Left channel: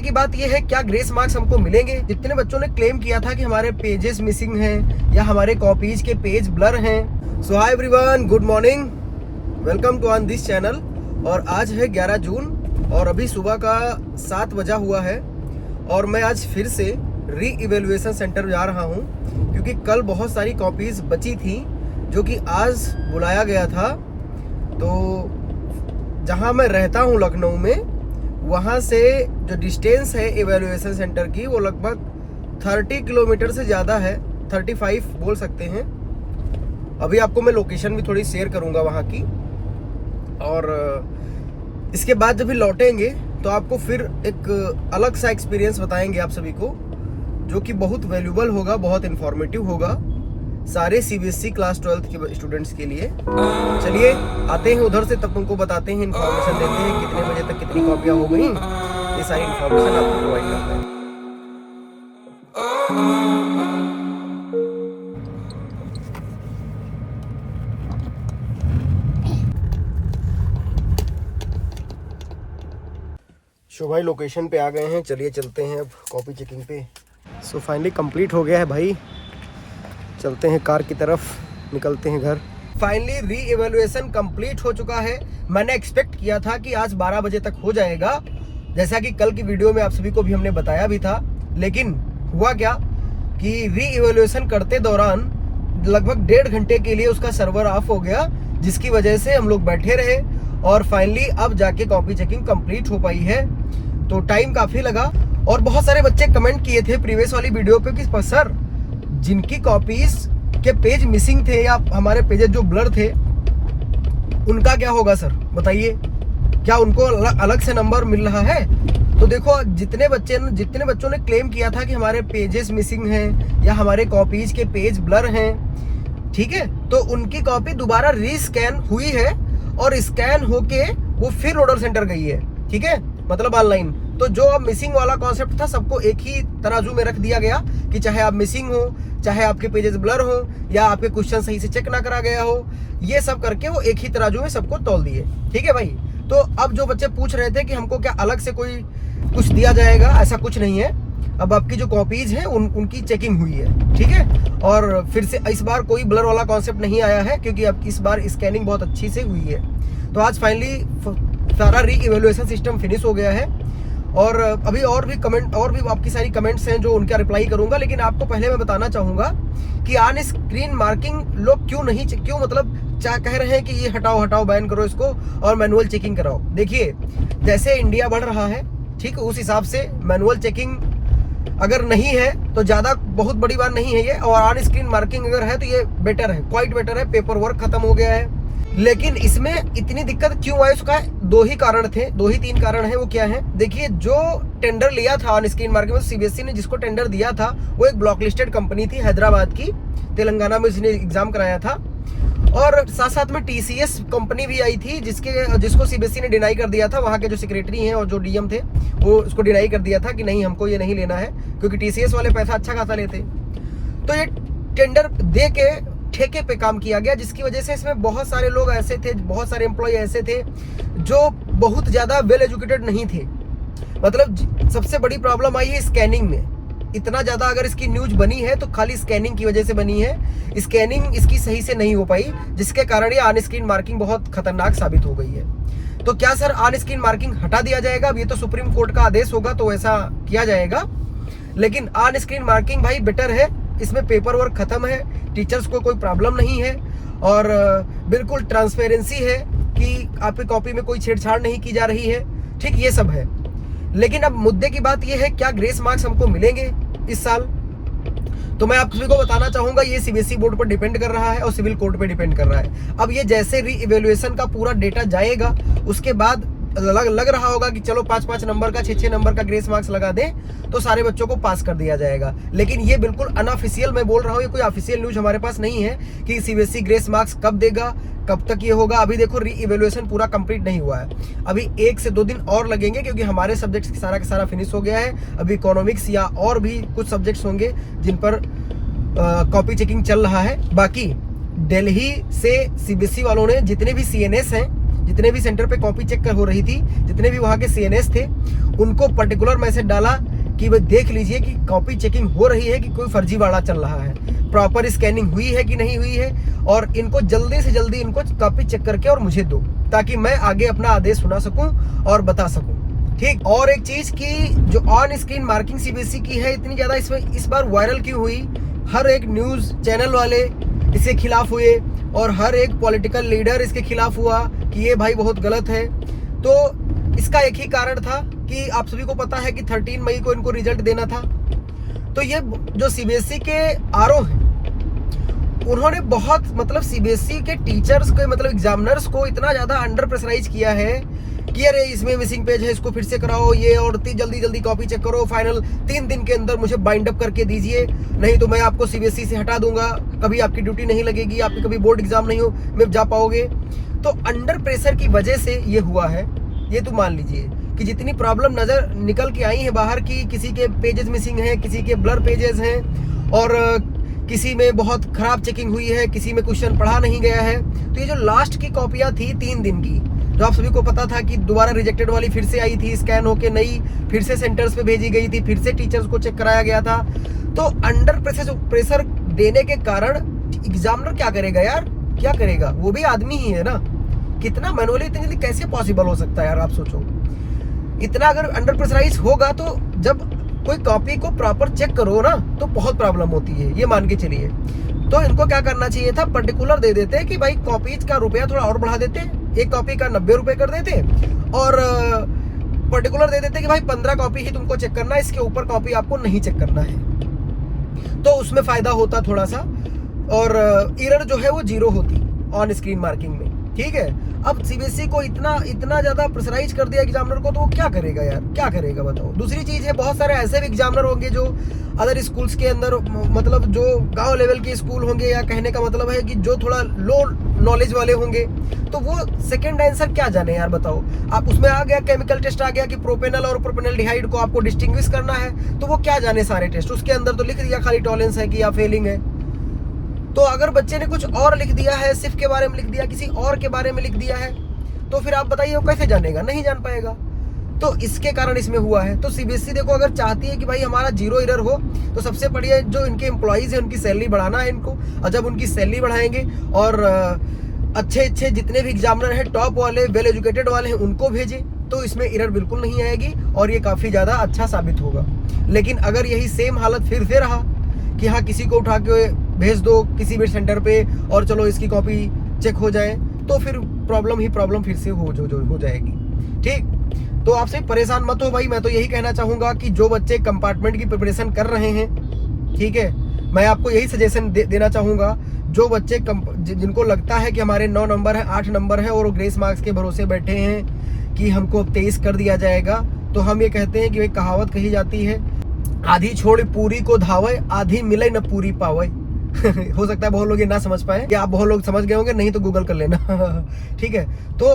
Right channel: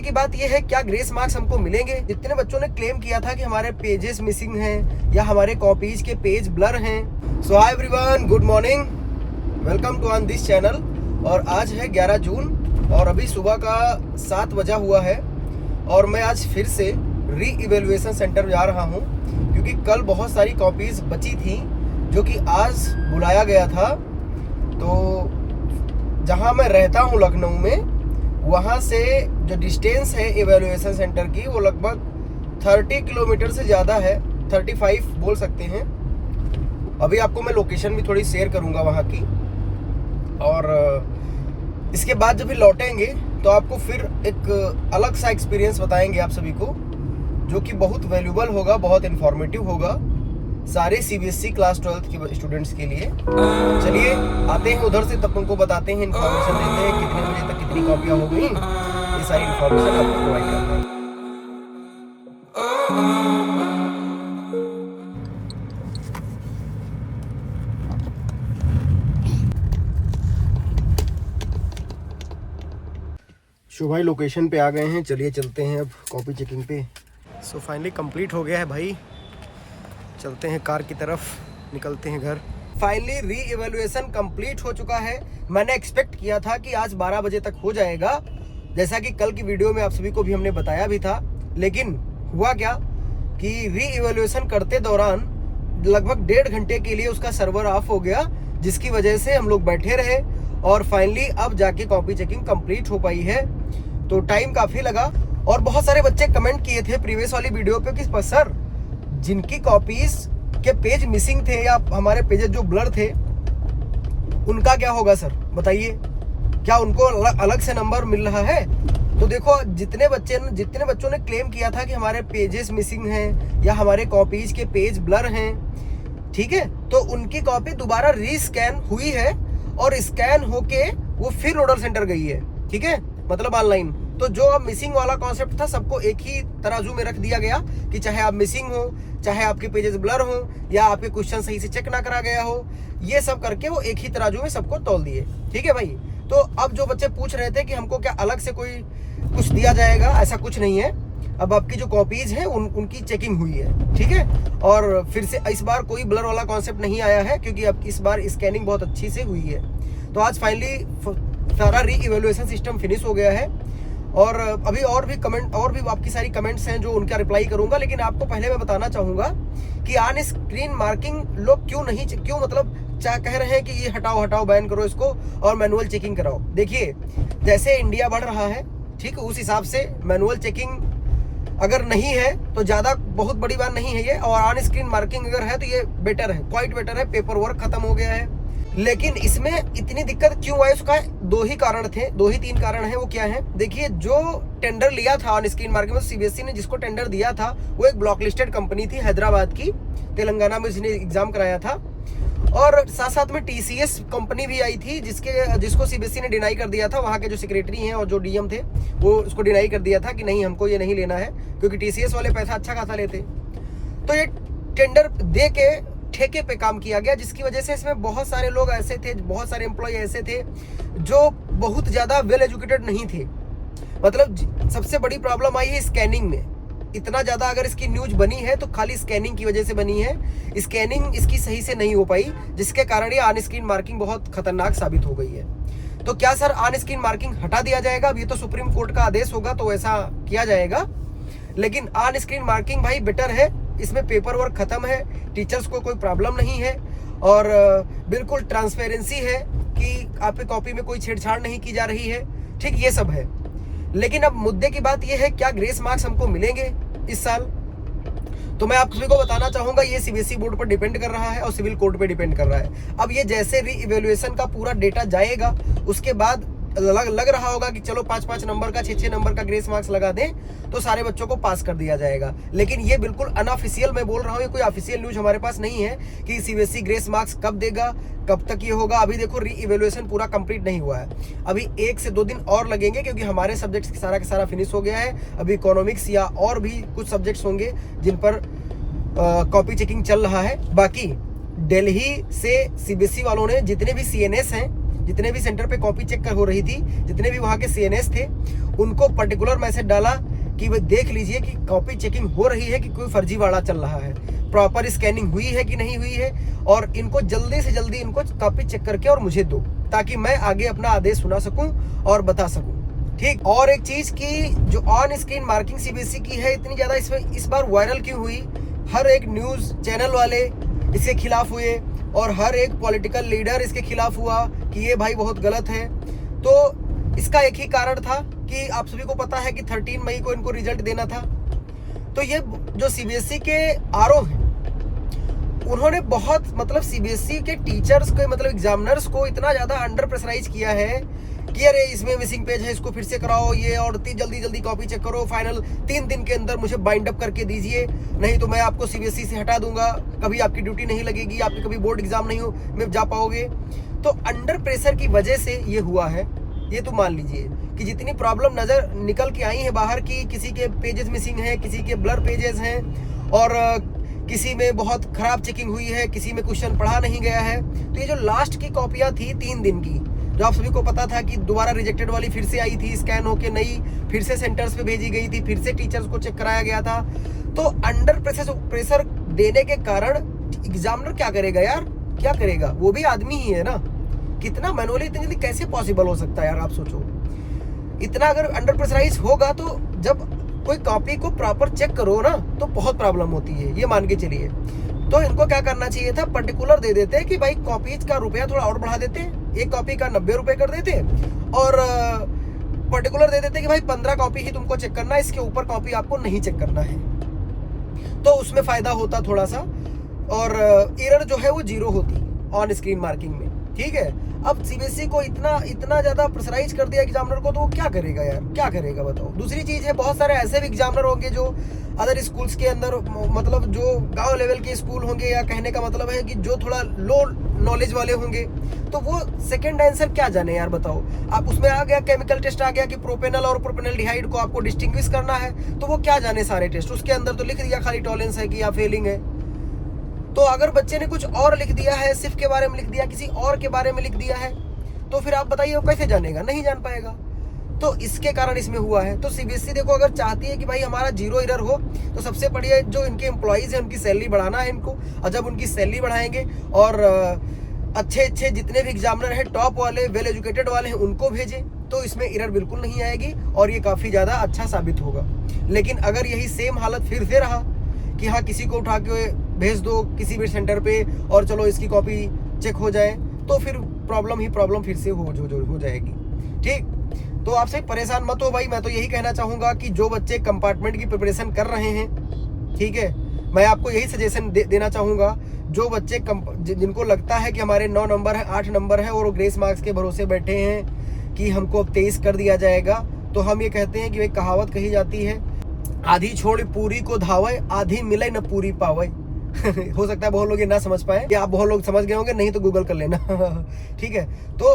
की बात ये है, क्या ग्रेस मार्क्स हमको मिलेंगे? जितने बच्चों ने क्लेम किया था कि हमारे पेजेस मिसिंग हैं या हमारे कॉपीज के पेज ब्लर हैं। So hi everyone, good morning, welcome to on this channel. और आज है 11 जून और अभी सुबह का 7 बजा हुआ है और मैं आज फिर से री इवेल्युएशन सेंटर जा रहा हूँ क्योंकि कल बहुत सारी कॉपीज बची थी जो कि आज बुलाया गया था। तो जहाँ मैं रहता हूँ लखनऊ में, वहाँ से जो डिस्टेंस है इवेल्युएशन सेंटर की वो लगभग 30 किलोमीटर से ज़्यादा है, 35 बोल सकते हैं। अभी आपको मैं लोकेशन भी थोड़ी शेयर करूँगा वहाँ की, और इसके बाद जब भी लौटेंगे तो आपको फिर एक अलग सा एक्सपीरियंस बताएंगे आप सभी को, जो कि बहुत वैल्यूबल होगा, बहुत इन्फॉर्मेटिव होगा सारे सीबीएसई क्लास 12th के स्टूडेंट्स के लिए। चलिए आते हैं उधर से, तब उनको बताते हैं, इन्फॉर्मेशन देते हैं कितने बजे तक कितनी कॉपियाँ हो गई, ये सारी इन्फॉर्मेशन आपको प्रोवाइड करते हैं। शो भाई लोकेशन पे आ गए हैं, चलिए चलते हैं अब कॉपी चेकिंग पे। सो फाइनली कंप्लीट हो गया है भाई, चलते हैं कार की तरफ, निकलते हैं घर। फाइनली री इवेल्युएशन कंप्लीट हो चुका है। मैंने एक्सपेक्ट किया था कि आज 12 बजे तक हो जाएगा, जैसा कि कल की वीडियो में आप सभी को भी हमने बताया भी था। लेकिन हुआ क्या कि री इवेल्युएशन करते दौरान लगभग 1.5 घंटे के लिए उसका सर्वर ऑफ हो गया, जिसकी वजह से हम लोग बैठे रहे और फाइनली अब जाके कॉपी चेकिंग कंप्लीट हो पाई है। तो टाइम काफ़ी लगा और बहुत सारे बच्चे कमेंट किए थे प्रीवियस वाली वीडियो पे कि सर, जिनकी कॉपीज के पेज मिसिंग थे या हमारे पेजेस जो ब्लर थे, उनका क्या होगा सर, बताइए, क्या उनको अलग से नंबर मिल रहा है? तो देखो, जितने बच्चों ने क्लेम किया था कि हमारे पेजेस मिसिंग हैं या हमारे कॉपीज के पेज ब्लर हैं, ठीक है, तो उनकी कॉपी दोबारा रीस्कैन हुई है और स्कैन होके वो फिर ऑर्डर सेंटर गई है, ठीक है, मतलब ऑनलाइन। तो जो मिसिंग वाला कॉन्सेप्ट था, सबको एक ही तराजू में रख दिया गया कि चाहे आप मिसिंग हो, चाहे आपके पेजेस ब्लर हो, या आपके क्वेश्चन सही से चेक ना करा गया हो, ये सब करके वो एक ही तराजू में सबको तौल दिए, ठीक है भाई। तो अब जो बच्चे पूछ रहे थे कि हमको क्या अलग से कोई कुछ दिया जाएगा, ऐसा कुछ नहीं है। अब आपकी जो कॉपीज है उनकी चेकिंग हुई है, ठीक है, और फिर से इस बार कोई ब्लर वाला कॉन्सेप्ट नहीं आया है क्योंकि अब इस बार स्कैनिंग बहुत अच्छी से हुई है। तो आज फाइनली सारा री इवेल्युएशन सिस्टम फिनिश हो गया है और अभी और भी आपकी सारी कमेंट्स हैं जो उनका रिप्लाई करूंगा। लेकिन आपको पहले मैं बताना चाहूंगा कि ऑन स्क्रीन मार्किंग लोग क्यों मतलब कह रहे हैं कि ये हटाओ बैन करो इसको और मैनुअल चेकिंग कराओ। देखिए, जैसे इंडिया बढ़ रहा है, ठीक, उस हिसाब से मैनुअल चेकिंग अगर नहीं है तो ज़्यादा बहुत बड़ी बात नहीं है ये, और ऑन स्क्रीन मार्किंग अगर है तो ये बेटर है, क्वाइट बेटर है। पेपर वर्क खत्म हो गया है। लेकिन इसमें इतनी दिक्कत क्यों आई, उसका 2 ही 3 कारण है। वो क्या है, देखिए, जो टेंडर लिया था ऑन स्क्रीन मार्किंग में, सीबीएसई ने जिसको टेंडर दिया था वो एक ब्लॉक लिस्टेड कंपनी थी हैदराबाद की, तेलंगाना में उसने एग्जाम कराया था। और साथ में टीसीएस कंपनी भी आई थी जिसको सीबीएसई ने डिनाई कर दिया था। वहाँ के जो सेक्रेटरी हैं और जो डीएम थे वो उसको डिनाई कर दिया था कि नहीं, हमको ये नहीं लेना है, क्योंकि टीसीएस वाले पैसा अच्छा खासा लेते। तो ये टेंडर दे के ठेके पे काम किया गया, जिसकी वजह से इसमें बहुत सारे लोग ऐसे थे, बहुत सारे एम्प्लॉय ऐसे थे जो बहुत ज़्यादा वेल एजुकेटेड नहीं थे। मतलब सबसे बड़ी प्रॉब्लम आई है स्कैनिंग में। इतना ज़्यादा अगर इसकी न्यूज बनी है तो खाली स्कैनिंग की वजह से बनी है। स्कैनिंग इसकी सही से नहीं हो पाई, जिसके कारण ये ऑन स्क्रीन मार्किंग बहुत खतरनाक साबित हो गई है। तो क्या सर ऑन स्क्रीन मार्किंग हटा दिया जाएगा? अब ये तो सुप्रीम कोर्ट का आदेश होगा तो ऐसा किया जाएगा। लेकिन ऑन स्क्रीन मार्किंग भाई बेटर है, इसमें पेपर वर्क खत्म है, टीचर्स को कोई प्रॉब्लम नहीं है और बिल्कुल ट्रांसपेरेंसी है कि आपकी कॉपी में कोई छेड़छाड़ नहीं की जा रही है, ठीक, ये सब है। लेकिन अब मुद्दे की बात ये है, क्या ग्रेस मार्क्स हमको मिलेंगे इस साल? तो मैं आप सभी को बताना चाहूंगा, ये सीबीएसई बोर्ड पर डिपेंड कर रहा है और सिविल कोर्ट पे डिपेंड कर रहा है। अब ये जैसे री इवेल्युएशन का पूरा डेटा जाएगा, उसके बाद लग रहा होगा कि चलो 5-5 नंबर का 6-6 नंबर का ग्रेस मार्क्स लगा दें तो सारे बच्चों को पास कर दिया जाएगा। लेकिन ये बिल्कुल अनऑफिशियल मैं बोल रहा हूँ, ये कोई ऑफिशियल न्यूज हमारे पास नहीं है कि सीबीएसई ग्रेस मार्क्स कब देगा, कब तक ये होगा। अभी देखो, री इवेल्युएशन पूरा कंप्लीट नहीं हुआ है, अभी 1 से 2 दिन और लगेंगे क्योंकि हमारे सब्जेक्ट्स सारा का सारा फिनिश हो गया है। अभी इकोनॉमिक्स या और भी कुछ सब्जेक्ट्स होंगे जिन पर कॉपी चेकिंग चल रहा है। बाकी दिल्ली से सीबीएसई वालों ने जितने भी सीएनएस हैं, जितने भी सेंटर पे कॉपी चेक हो रही थी, जितने भी वहाँ के सीएनएस थे, उनको पर्टिकुलर मैसेज डाला कि वो देख लीजिए कि कॉपी चेकिंग हो रही है कि कोई फर्जीवाड़ा चल रहा है, प्रॉपर स्कैनिंग हुई है कि नहीं हुई है, और इनको जल्दी से जल्दी इनको कॉपी चेक करके और मुझे दो, ताकि मैं आगे अपना आदेश सुना सकूं और बता सकूं। ठीक। और एक चीज की जो ऑन स्क्रीन मार्किंग सीबीएसई की है इतनी ज्यादा इस बार वायरल क्यों हुई? हर एक न्यूज चैनल वाले इसके खिलाफ हुए और हर एक पॉलिटिकल लीडर इसके खिलाफ हुआ कि ये भाई बहुत गलत है। तो इसका एक ही कारण था कि आप सभी को पता है कि 13 मई को इनको रिजल्ट देना था। तो ये जो सीबीएसई के आरओ हैं उन्होंने बहुत मतलब सीबीएसई के टीचर्स को मतलब एग्जामिनर्स को इतना ज्यादा अंडर प्रेशराइज किया है कि अरे इसमें मिसिंग पेज है, इसको फिर से कराओ, ये और जल्दी जल्दी कॉपी चेक करो, फाइनल 3 दिन के अंदर मुझे बाइंड अप करके दीजिए, नहीं तो मैं आपको सीबीएसई से हटा दूंगा, कभी आपकी ड्यूटी नहीं लगेगी, आपकी कभी बोर्ड एग्जाम नहीं हो में जा पाओगे। तो अंडर प्रेशर की वजह से ये हुआ है। ये तो मान लीजिए कि जितनी प्रॉब्लम नजर निकल के आई है बाहर की, किसी के पेजेस मिसिंग हैं, किसी के ब्लर पेजेस हैं, और किसी में बहुत खराब चेकिंग हुई है, किसी में क्वेश्चन पढ़ा नहीं गया है। तो ये जो लास्ट की कॉपियां थी 3 दिन की, जो आप सभी को पता था कि दोबारा रिजेक्टेड वाली फिर से आई थी, स्कैन होके नई फिर से सेंटर्स पे भेजी गई थी, फिर से टीचर्स को चेक कराया गया था। तो अंडर प्रेशर देने के कारण एग्जामिनर क्या करेगा यार, क्या करेगा? वो भी आदमी ही है ना, कितना मैनुअली इतनी जल्दी कैसे पॉसिबल हो सकता है यार, आप सोचो। इतना अगर अंडर प्रेशराइज होगा तो जब कोई कॉपी को प्रॉपर चेक करो ना तो बहुत प्रॉब्लम होती है, ये मान के चलिए। तो इनको क्या करना चाहिए था, पर्टिकुलर दे देते कि भाई कॉपीज का रुपया थोड़ा और बढ़ा देते, एक कॉपी का 90 रुपए कर देते, और पर्टिकुलर दे देते कि भाई 15 कॉपी ही तुमको चेक करना है, इसके ऊपर कॉपी आपको नहीं चेक करना है। तो उसमें फायदा होता थोड़ा सा, और एरर जो है वो 0 होती ऑन स्क्रीन मार्किंग में। ठीक है। अब सीबीएसई को इतना ज्यादा प्रेशराइज कर दिया एग्जामिनर को, तो वो क्या करेगा यार, क्या करेगा बताओ। दूसरी चीज है, बहुत सारे ऐसे भी एग्जामिनर होंगे जो अदर स्कूल्स के अंदर, मतलब जो गांव लेवल के स्कूल होंगे, या कहने का मतलब है कि जो थोड़ा लो नॉलेज वाले होंगे, तो वो सेकंड आंसर क्या जाने यार, बताओ। आप उसमें आ गया केमिकल टेस्ट आ गया कि प्रोपेनल और प्रोपेनल्डिहाइड को आपको डिस्टिंग्विश करना है, तो वो क्या जाने सारे टेस्ट, उसके अंदर तो लिख दिया खाली टॉलरेंस है कि या फेलिंग है। तो अगर बच्चे ने कुछ और लिख दिया है, सिर्फ के बारे में लिख दिया, किसी और के बारे में लिख दिया है, तो फिर आप बताइए वो कैसे जानेगा, नहीं जान पाएगा। तो इसके कारण इसमें हुआ है। तो सीबीएसई देखो अगर चाहती है कि भाई हमारा 0 एरर हो, तो सबसे बढ़िया जो इनके एम्प्लॉइज हैं उनकी सैलरी बढ़ाना है इनको, और जब उनकी सैलरी बढ़ाएंगे और अच्छे जितने भी एग्जामिनर हैं, टॉप वाले, वेल एजुकेटेड वाले हैं, उनको भेजें, तो इसमें एरर बिल्कुल नहीं आएगी और ये काफ़ी ज़्यादा अच्छा साबित होगा। लेकिन अगर यही सेम हालत फिर से रहा कि हाँ किसी को उठा के भेज दो किसी भी सेंटर पे और चलो इसकी कॉपी चेक हो जाए, तो फिर प्रॉब्लम फिर से हो जाएगी। ठीक। तो आपसे परेशान मत हो भाई, मैं तो यही कहना चाहूँगा कि जो बच्चे कंपार्टमेंट की प्रिपरेशन कर रहे हैं, ठीक है, मैं आपको यही सजेशन देना चाहूँगा। जो बच्चे जिनको लगता है कि हमारे 9 नंबर है, 8 नंबर है, और वो ग्रेस मार्क्स के भरोसे बैठे हैं कि हमको अब 23 कर दिया जाएगा, तो हम ये कहते हैं कि एक कहावत कही जाती है, आधी छोड़ पूरी को धावे, आधी मिले न पूरी पावे। हो सकता है बहुत लोग ये ना समझ पाए, या आप बहुत लोग समझ गए होंगे, नहीं तो गूगल कर लेना। ठीक है। तो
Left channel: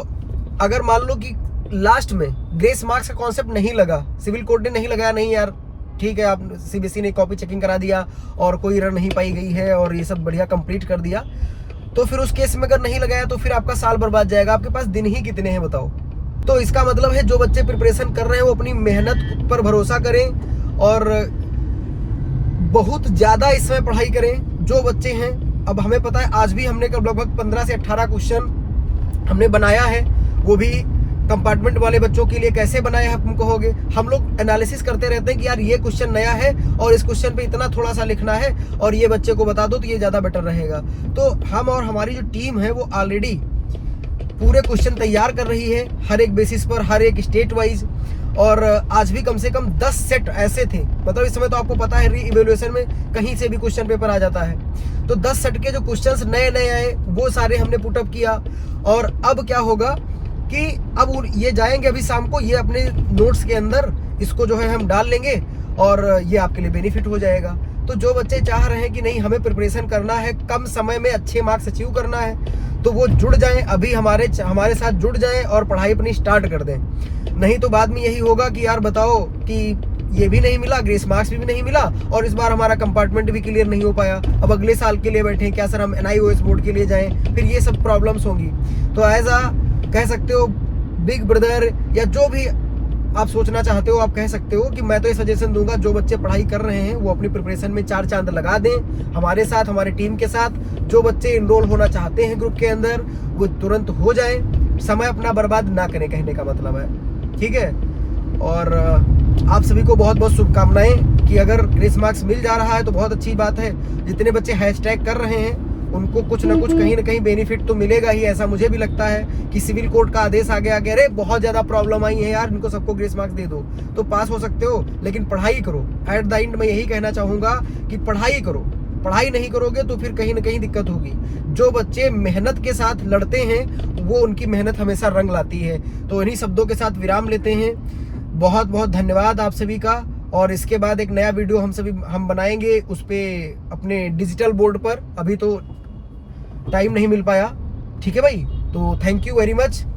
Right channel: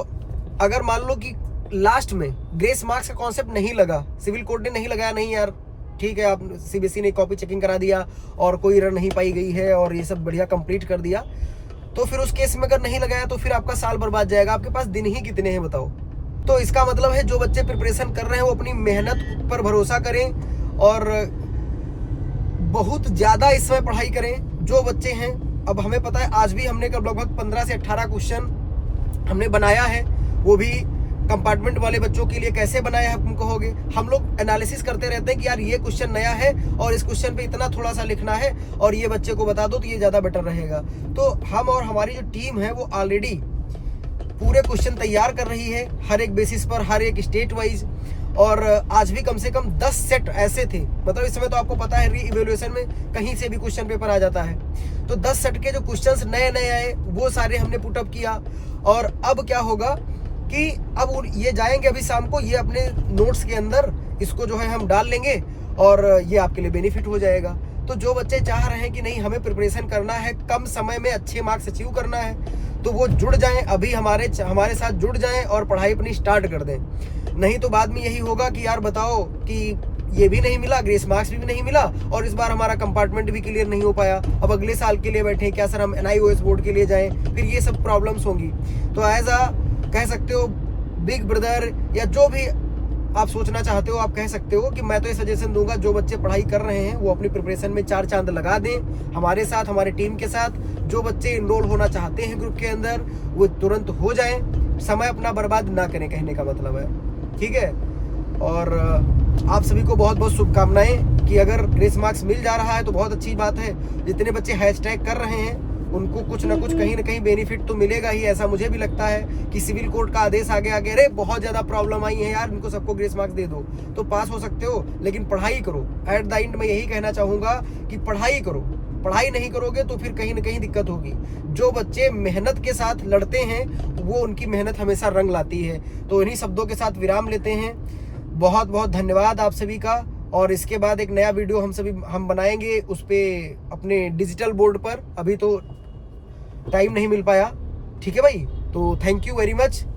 अगर मान लो कि लास्ट में ग्रेस मार्क्स का कॉन्सेप्ट नहीं लगा, सिविल कोड ने नहीं लगाया, नहीं यार ठीक है, आप सीबीएसई ने कॉपी चेकिंग करा दिया और कोई एरर नहीं पाई गई है और ये सब बढ़िया कंप्लीट कर दिया, तो फिर उस केस में अगर नहीं लगाया तो फिर आपका साल बर्बाद जाएगा। आपके पास दिन ही कितने हैं बताओ। तो इसका मतलब है जो बच्चे प्रिपरेशन कर रहे हैं वो अपनी मेहनत पर भरोसा करें और बहुत ज़्यादा इस समय पढ़ाई करें। जो बच्चे हैं, अब हमें पता है आज भी हमने लगभग 15 से 18 क्वेश्चन हमने बनाया है, वो भी कंपार्टमेंट वाले बच्चों के लिए। कैसे बनाया है तुम कहोगे, हम लोग एनालिसिस करते रहते हैं कि यार ये क्वेश्चन नया है और इस क्वेश्चन पे इतना थोड़ा सा लिखना है और ये बच्चे को बता दो तो ये ज़्यादा बेटर रहेगा। तो हम और हमारी जो टीम है वो ऑलरेडी पूरे क्वेश्चन तैयार कर रही है, हर एक बेसिस पर, हर एक स्टेट वाइज। और आज भी कम से कम 10 सेट ऐसे थे, मतलब इस समय तो आपको पता है री इवेल्युएशन में कहीं से भी क्वेश्चन पेपर आ जाता है, तो 10 सेट के जो क्वेश्चंस नए नए आए वो सारे हमने पुटअप किया। और अब क्या होगा कि अब ये जाएंगे अभी शाम को, ये अपने नोट्स के अंदर इसको जो है हम डाल लेंगे और ये आपके लिए बेनिफिट हो जाएगा। तो जो बच्चे चाह रहे हैं कि नहीं हमें प्रिपरेशन करना है, कम समय में अच्छे मार्क्स अचीव करना है, तो वो जुड़ जाएं, अभी हमारे साथ जुड़ जाएं और पढ़ाई अपनी स्टार्ट कर दें। नहीं तो बाद में यही होगा कि यार बताओ कि ये भी नहीं मिला, ग्रेस मार्क्स भी नहीं मिला और इस बार हमारा कंपार्टमेंट भी क्लियर नहीं हो पाया, अब अगले साल के लिए बैठे क्या सर हम NIOS बोर्ड के लिए जाएं, फिर ये सब प्रॉब्लम्स होंगी। तो एज कह सकते हो बिग ब्रदर या जो भी आप सोचना चाहते हो, आप कह सकते हो कि मैं तो ये सजेशन दूंगा, जो बच्चे पढ़ाई कर रहे हैं वो अपनी प्रिपरेशन में 4 चांद लगा दें हमारे साथ, हमारे टीम के साथ। जो बच्चे इनरोल होना चाहते हैं ग्रुप के अंदर वो तुरंत हो जाए, समय अपना बर्बाद ना करें, कहने का मतलब है, ठीक है। और आप सभी को बहुत बहुत शुभकामनाएं कि अगर ग्रेस मार्क्स मिल जा रहा है तो बहुत अच्छी बात है। जितने बच्चे हैशटैग कर रहे हैं उनको कुछ ना कुछ कहीं ना कहीं बेनिफिट तो मिलेगा ही, ऐसा मुझे भी लगता है कि सिविल कोर्ट का आदेश आ गया कि अरे बहुत ज़्यादा प्रॉब्लम आई है यार, इनको सबको ग्रेस मार्क्स दे दो, तो पास हो सकते हो, लेकिन पढ़ाई करो। एट द एंड मैं यही कहना चाहूँगा कि पढ़ाई करो, पढ़ाई नहीं करोगे तो फिर कहीं ना कहीं दिक्कत होगी। जो बच्चे मेहनत के साथ लड़ते हैं वो उनकी मेहनत हमेशा रंग लाती है। तो इन्हीं शब्दों के साथ विराम लेते हैं। बहुत बहुत धन्यवाद आप सभी का। और इसके बाद एक नया वीडियो हम बनाएंगे उस पर अपने डिजिटल बोर्ड पर, अभी तो टाइम नहीं मिल पाया, ठीक है भाई। तो थैंक यू वेरी मच।